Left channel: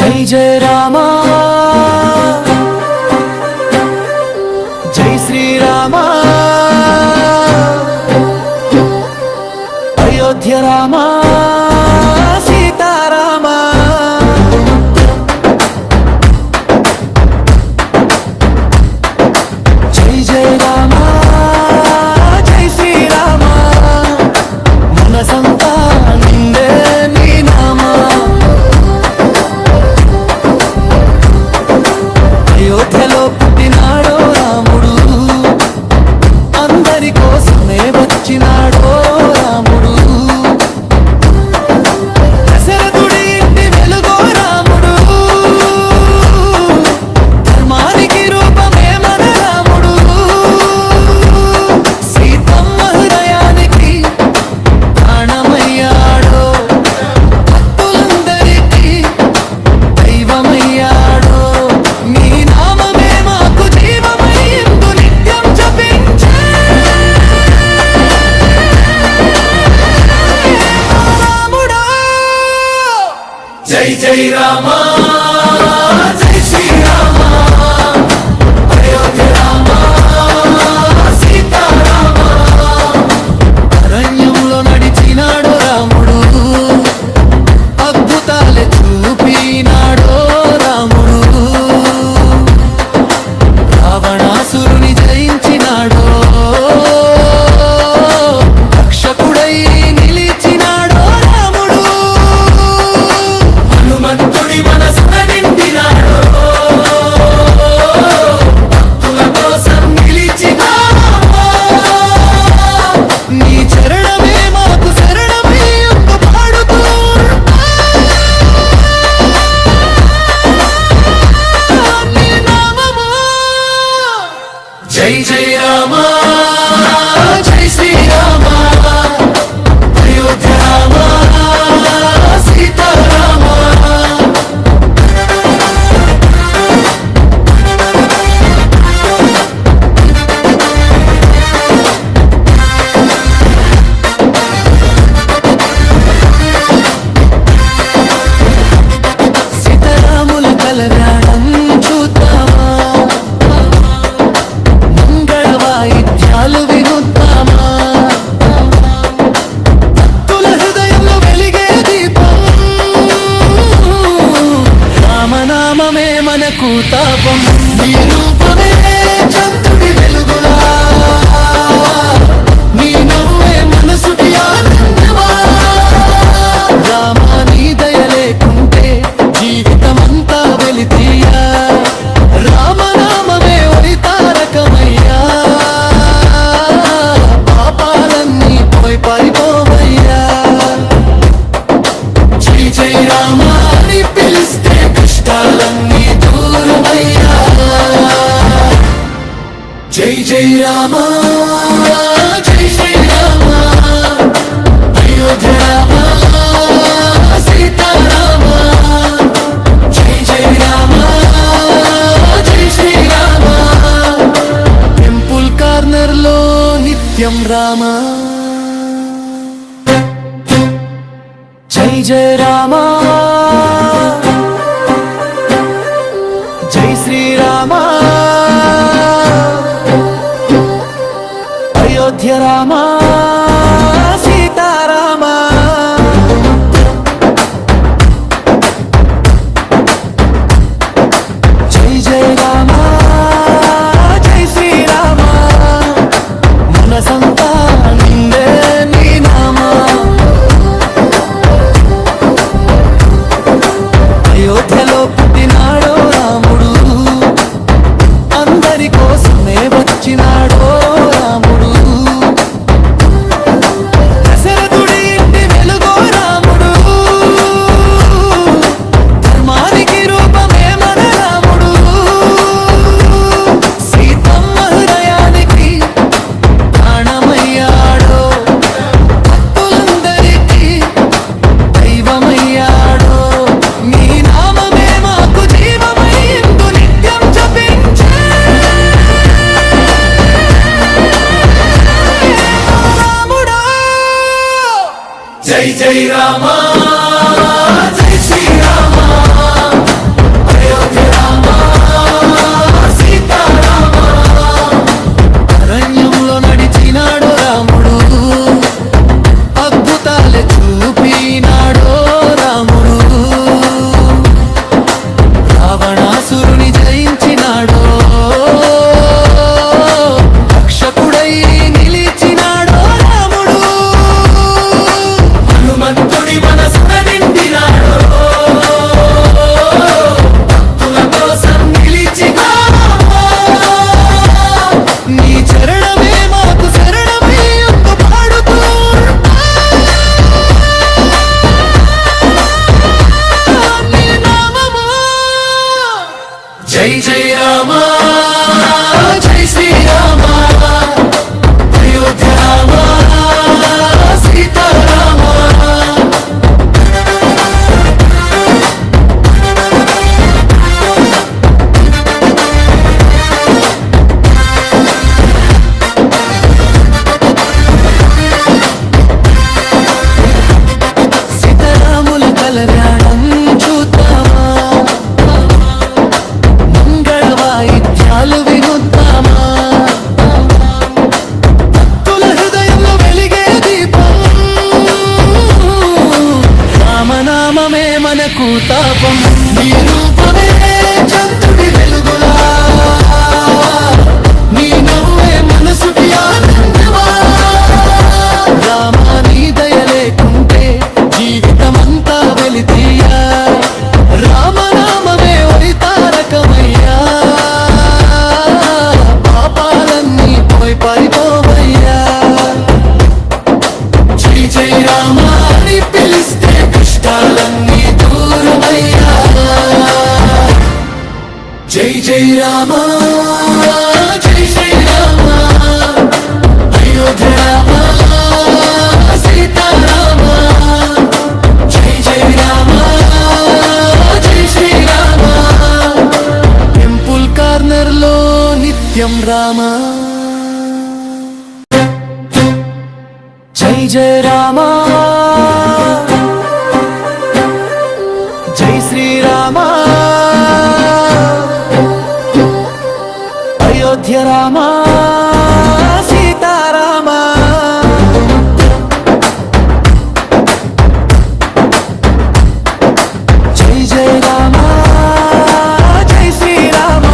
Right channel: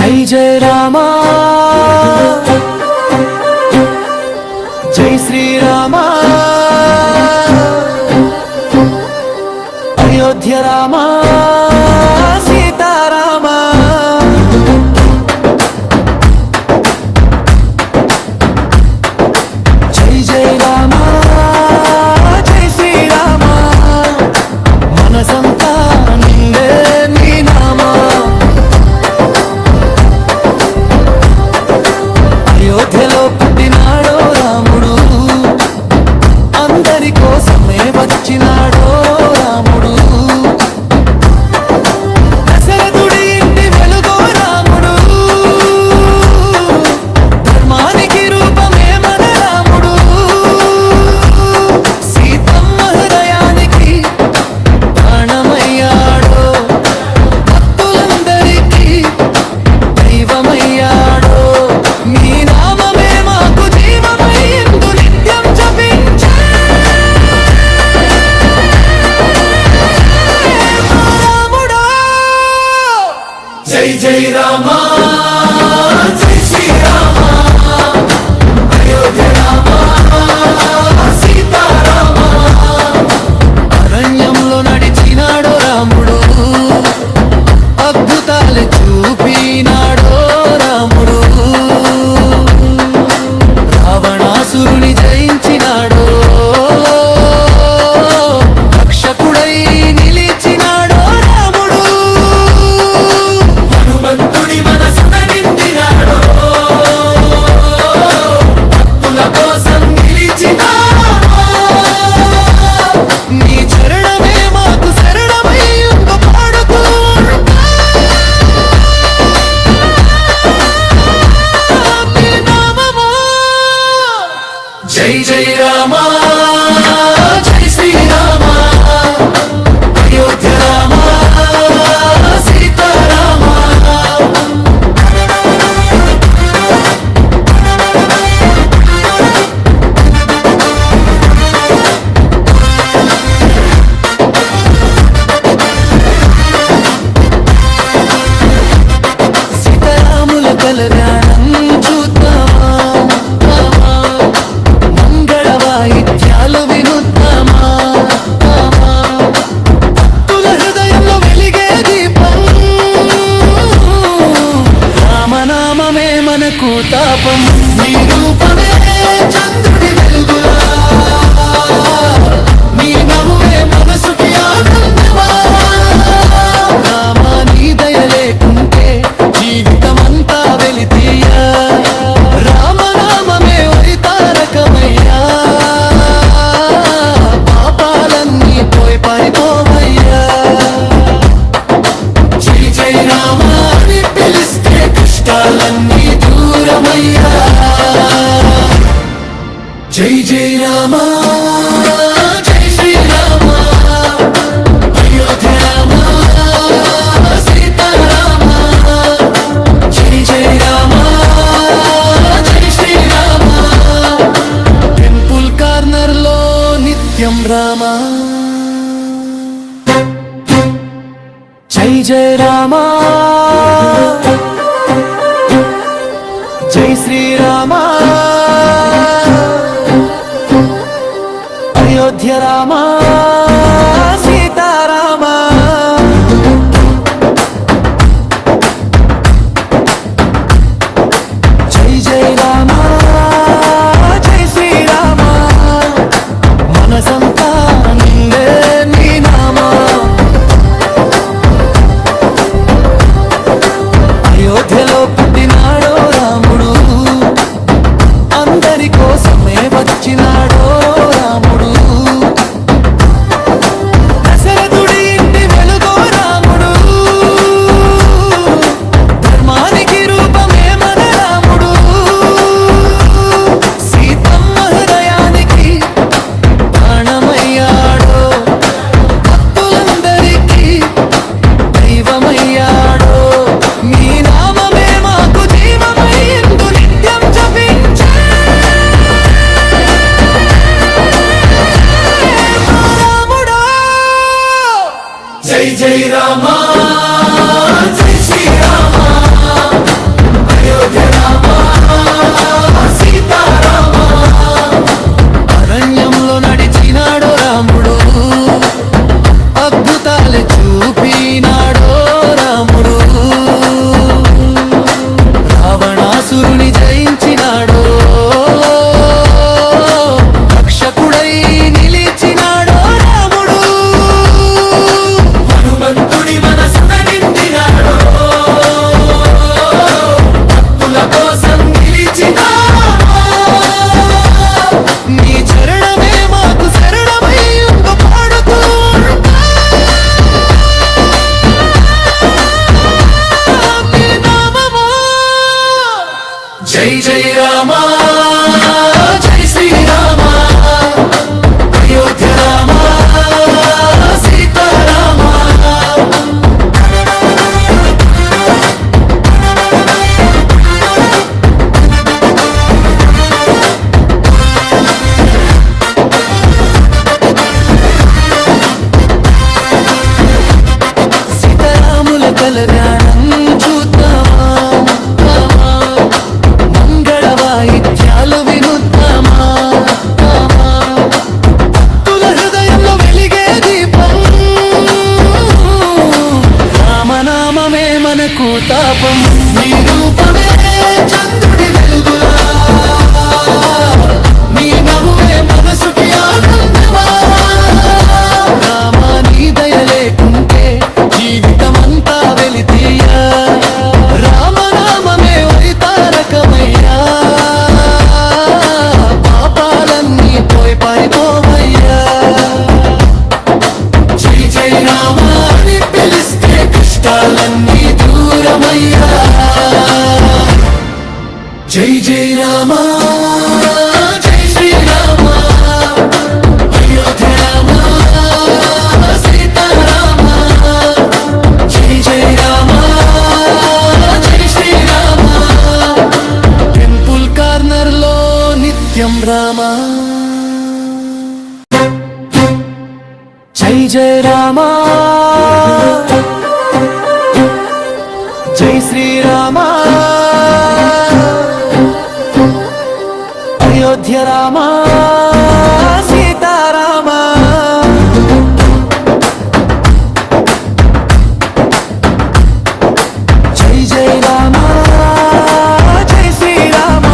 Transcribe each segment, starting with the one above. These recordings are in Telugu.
జై జయ రామా జై శ్రీరామా అయోధ్య రామా సీతారామా జై జయ రామా జై శ్రీరామా మనసంతా నిండే నీ నామా అయోధ్యలో పుట్టినాడో రాముడు అందరి కోసమే వచ్చినాడో రాముడు దశరథుడి ఇంటి వెలుగో రాముడు ధర్మానికి రూపమే మన రాముడు సీతమ్మ హృదయానికి ప్రాణమయ్యాడో భక్తులందరికీ దైవమయ్యాడో నీ నామమే మాకు జీవమయ్యిందు నిత్యం జపించే మా రాముడా జై జై రామా జై శ్రీరామా అయోధ్య రామా సీతారామా అరణ్యంలో నడిచినాడో రాముడు అద్భుతాలు చూపినాడో రాముడు రావణాసురుని జయించినాడో రక్షకుడై నిలిచినాడో రాముడు హనుమంతుడి మనసున నిండినాడో భక్తుల కోసం నిలిచినాడో నీ చరణమే మాకు శరణమై ఉండు పాడుతూ నీ నామము జై జై రామా జై శ్రీరామా అయోధ్య రామా సీతారామా సీతారాముల కళ్యాణం చూద్దామా మంగళ వాయిద్యాలు వినుద్దామా భక్తుల హృదయంలో వెలిగే దీపం రామనామమే మనకు తాపం నీ రూపమే చంద్రుడి వెలుగులా నీ నవ్వే మనసుకి ఆనందమా రామా నీ దయ లేకుంటే జీవితమంతా వెలితీయా రామనామమే ఓయ్ తారకమయ్యా పాపాలన్నీ పోయి పారిపోవయ్యా జై జై రామా అని పిలిస్తే కష్టాలన్నీ దూరమయ్యా జై జై రామా జై శ్రీరామా అయోధ్య రామా సీతారామా జై జై రామా జై శ్రీరామా టెంపుల్ కార్నర్ లో నిత్యం రామా జై జయ రామా జై శ్రీరామా అయోధ్య రామా సీతారామా జై జయ రామా జై శ్రీరామా మనసంతా నిండే నీ నామా అయోధ్యలో పుట్టినాడో రాముడు అందరి కోసమే వచ్చినాడో రాముడు దశరథుడి ఇంటి వెలుగో రాముడు ధర్మానికి రూపమే మన రాముడు సీతమ్మ హృదయానికి ప్రాణమయ్యాడో భక్తులందరికీ దైవమయ్యాడో నీ నామమే మాకు జీవమయ్యిందు నిత్యం జపించే జై జై రామ జై శ్రీరామ అయోధ్య రామ సీతారామ సీతారాముల కళ్యాణం చూద్దామా, మంగళ వాయిద్యాలు వినుద్దామా, భక్తుల హృదయంలో వెలిగే దీపం, రామనామమే మనకు తాపం. నీ రూపమే చంద్రుడి వెలుగులా, నీ నవ్వే మనసుకి ఆనందమా, రామా నీ దయ లేకుంటే జీవితమంతా వెలితీయా, రామనామమే ఓయ్ తారకమయ్యా, పాపాలన్నీ పోయి పారిపోవయ్యా. జై జై రామ అని పిలిస్తే కష్టాలన్నీ దూరమయ్యా. జై జై రామ జై శ్రీరామ అయోధ్య రామ సీతారామ. జై జై రామ జై శ్రీరామ టెంపుల్ కార్నర్ లో నిత్యం రామ. జై జై రామ జై శ్రీరామ అయోధ్య రామ సీతారామ. జై జై రామ జై శ్రీరామ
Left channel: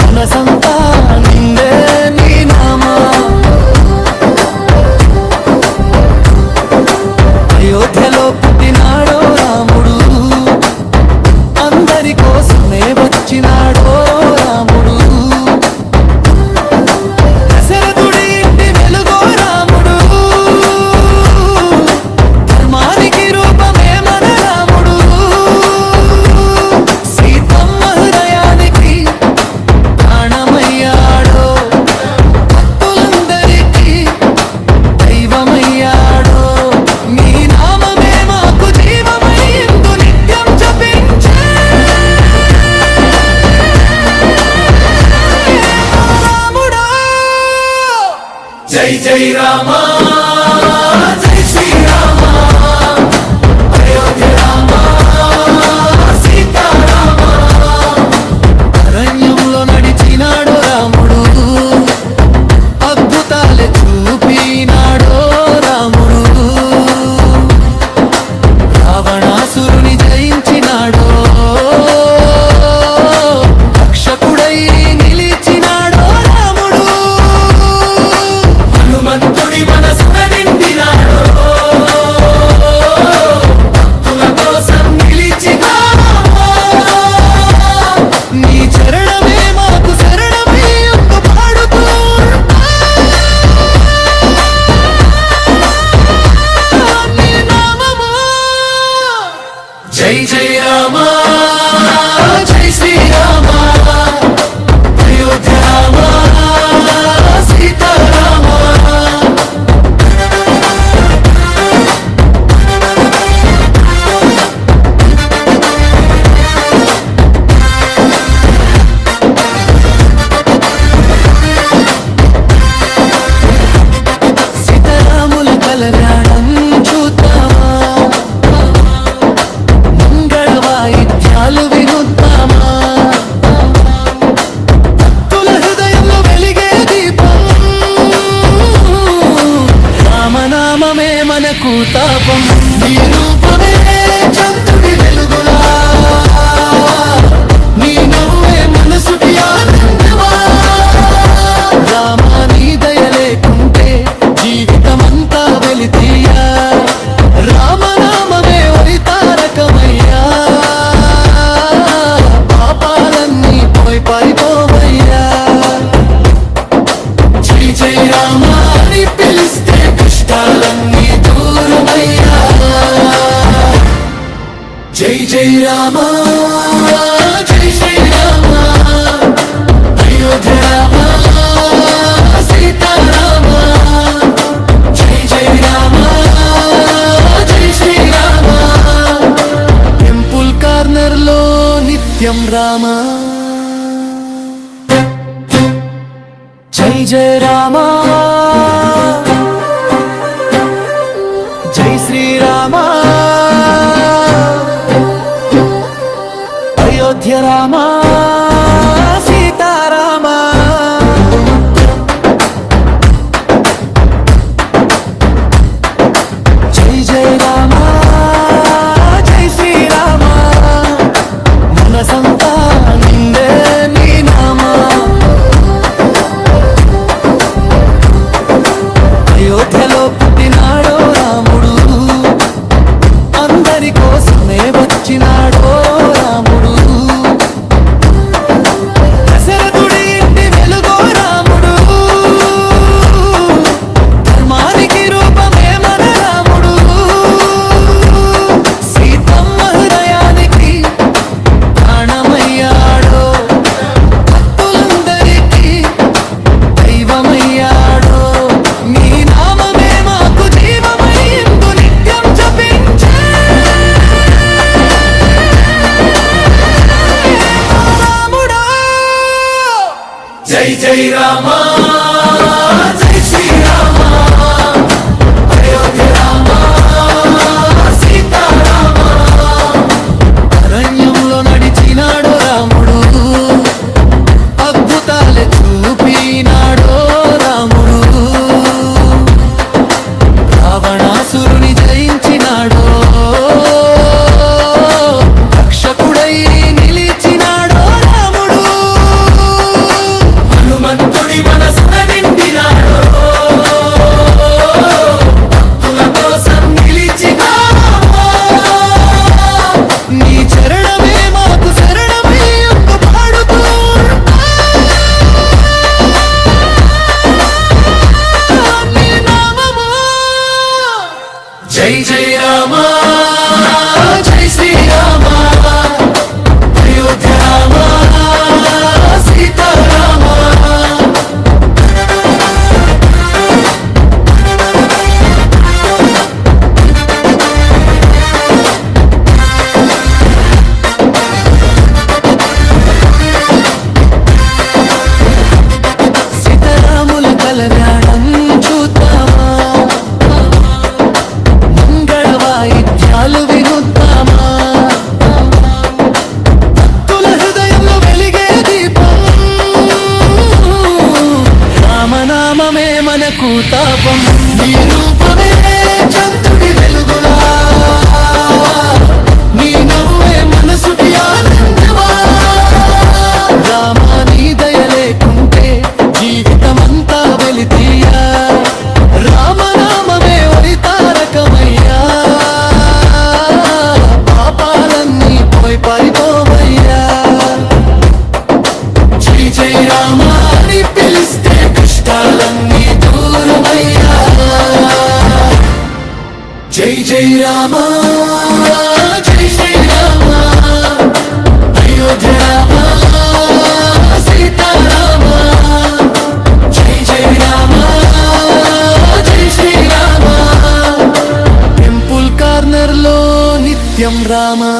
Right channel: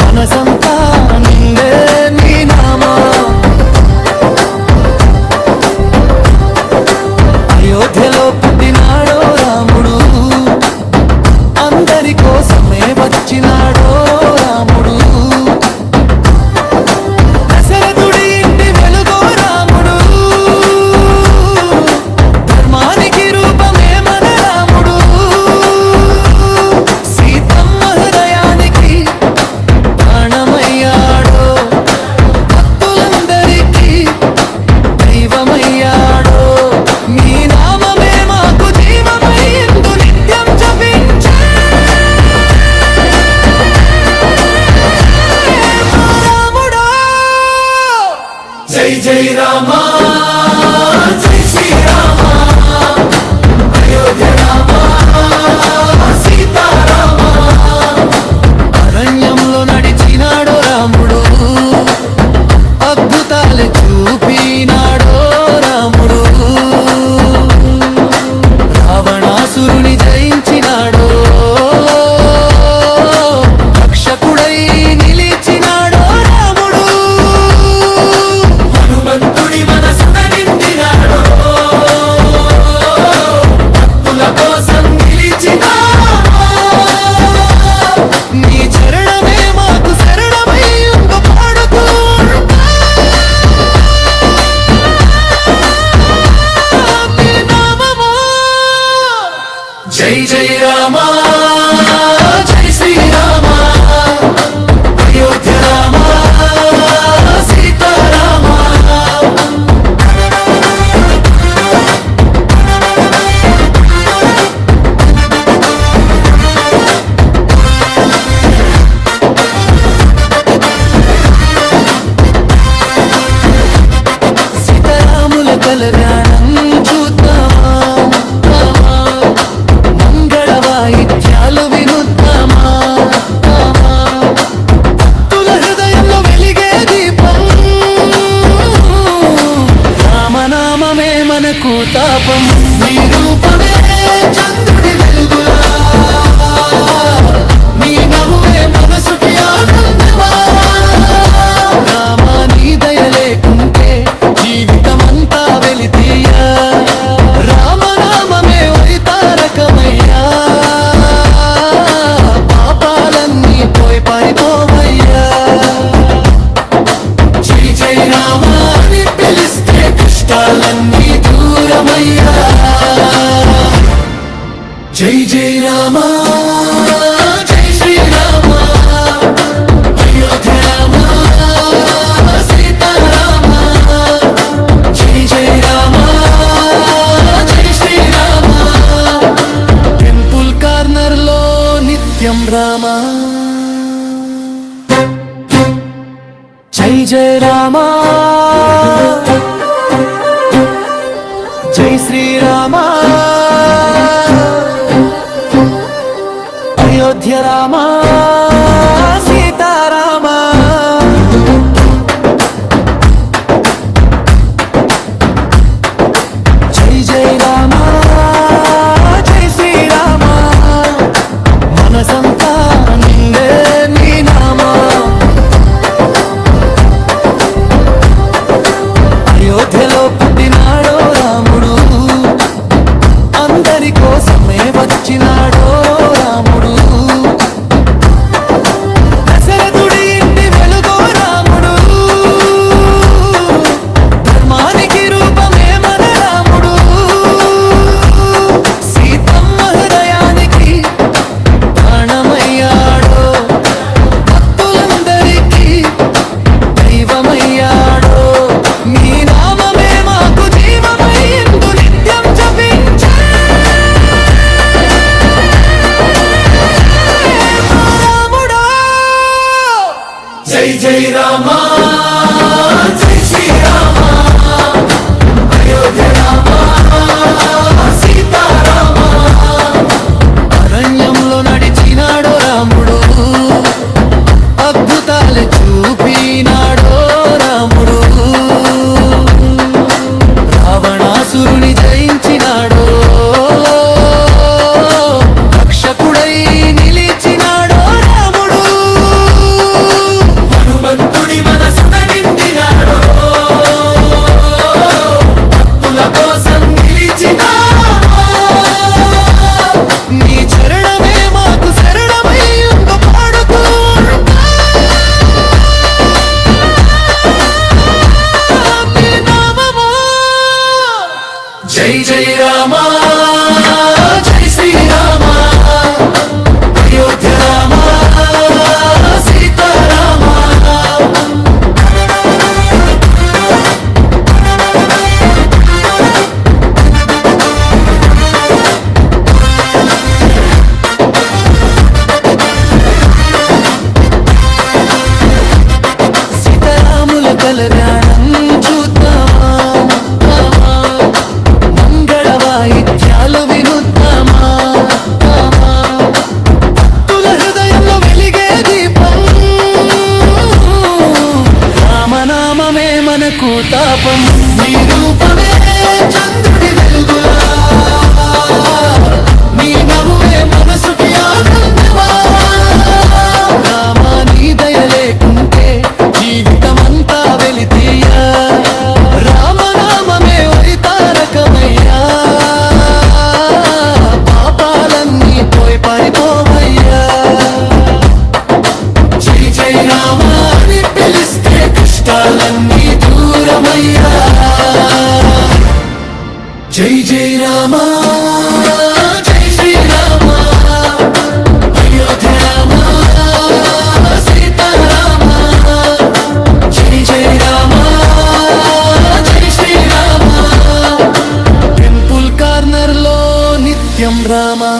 మనసంతా నిండే నీ నామా. అయోధ్యలో పుట్టినాడో రాముడు, అందరి కోసమే వచ్చినాడో రాముడు, దశరథుడి ఇంటి వెలుగో రాముడు, ధర్మానికి రూపమే మన రాముడు, సీతమ్మ హృదయానికి ప్రాణమయ్యాడో, భక్తులందరికీ దైవమయ్యాడో, నీ నామమే మాకు జీవమయ్యిందు నిత్యం జపించే మా రాముడా. జై జై రామ జై శ్రీరామ అయోధ్య రామ సీతారామ. అరణ్యంలో నడిచినాడో రాముడు, అద్భుతాలే చూపినాడో రాముడు, రావణాసురుని జయించినాడో, రక్షకుడై నిలిచినాడో రాముడు, హనుమంతుడి మనసున నిండినాడో, భక్తుల కోసం నిలిచినాడో. నీ చరణమే మాకు శరణమై ఉండు పాడుతూ ఉంటా. నీ నామము జై జై రామ జై శ్రీరామ అయోధ్య రామ సీతారామ. సీతారాముల కళ్యాణం చూద్దామా, మంగళ వాయిద్యాలు వినుద్దామా, భక్తుల హృదయంలో వెలిగే దీపం, రామనామమే మనకు తాపం. నీ రూపమే చంద్రుడి వెలుగులా, నీ నవ్వే మనసుకి ఆనందమా, రామా నీ దయ లేకుంటే జీవితమంతా వెలితీయా, రామనామమే ఓయ్ తారకమయ్యా, పాపాలన్నీ పోయి పారిపోవయ్యా. జై జై రామ అని పిలిస్తే కష్టాలన్నీ దూరమయ్యా. జై జై రామ జై శ్రీరామ కార్నర్ లో నిత్యం రామా. జై జయ రామా, జై శ్రీరామా, అయోధ్య రామా, సీతారామా. జై జై రామా, జై శ్రీరామా, మనసంతా నిండే నీ నామా. అయోధ్యలో పుట్టినాడో రాముడు, అందరి కోసమే వచ్చినాడో రాముడు. దశరథుడి ఇంటి వెలుగో రాముడు, ధర్మానికి రూపమే మన రాముడు. సీతమ్మ హృదయానికి ప్రాణమయ్యాడో, భక్తులందరికీ దైవమయ్యాడో. నీ నామమే మాకు జీవమయ్యిందు నిత్యం జపించే మా రాముడా. జై జై రామా, జై శ్రీరామా, అయోధ్య రామా, సీతారామా. అరణ్యంలో నడిచినాడో రాముడు, అద్భుతాలే చూపినాడో రాముడు. రావణాసురుని జయించినాడో, రక్షకుడై నిలిచినాడో రాముడు. హనుమంతుడి మనసున నిండినాడో, భక్తుల కోసం నిలిచినాడో. నీ చరణమే మాకు శరణమై ఉండు పాడుతూ నీ నామము. జై జై రామా, జై శ్రీరామా, అయోధ్య రామా, సీతారామా. సీతారాముల కళ్యాణం చూద్దామా, మంగళ వాయిద్యాలు వినుద్దామా. భక్తుల హృదయంలో వెలిగే దీపం, రామనామమే మనకు తాపం. నీ రూపమే చంద్రుడి వెలుగులా, నీ నవ్వే మనసుకి ఆనందమా. రామా నీ దయ లేకుంటే జీవితమంతా వెలితీయా. రామనామమే ఓయ్ తారకమయ్యా, పాపాలన్నీ పోయి పారిపోవయ్యా. జై జై రామా అని పిలిస్తే కష్టాలన్నీ దూరమయ్యా. జై జై రామా, జై శ్రీరామా, అయోధ్య రామా, సీతారామా. జై జై రామా, జై శ్రీరామా, టెంపుల్ కార్నర్ లో నిత్యం రామా.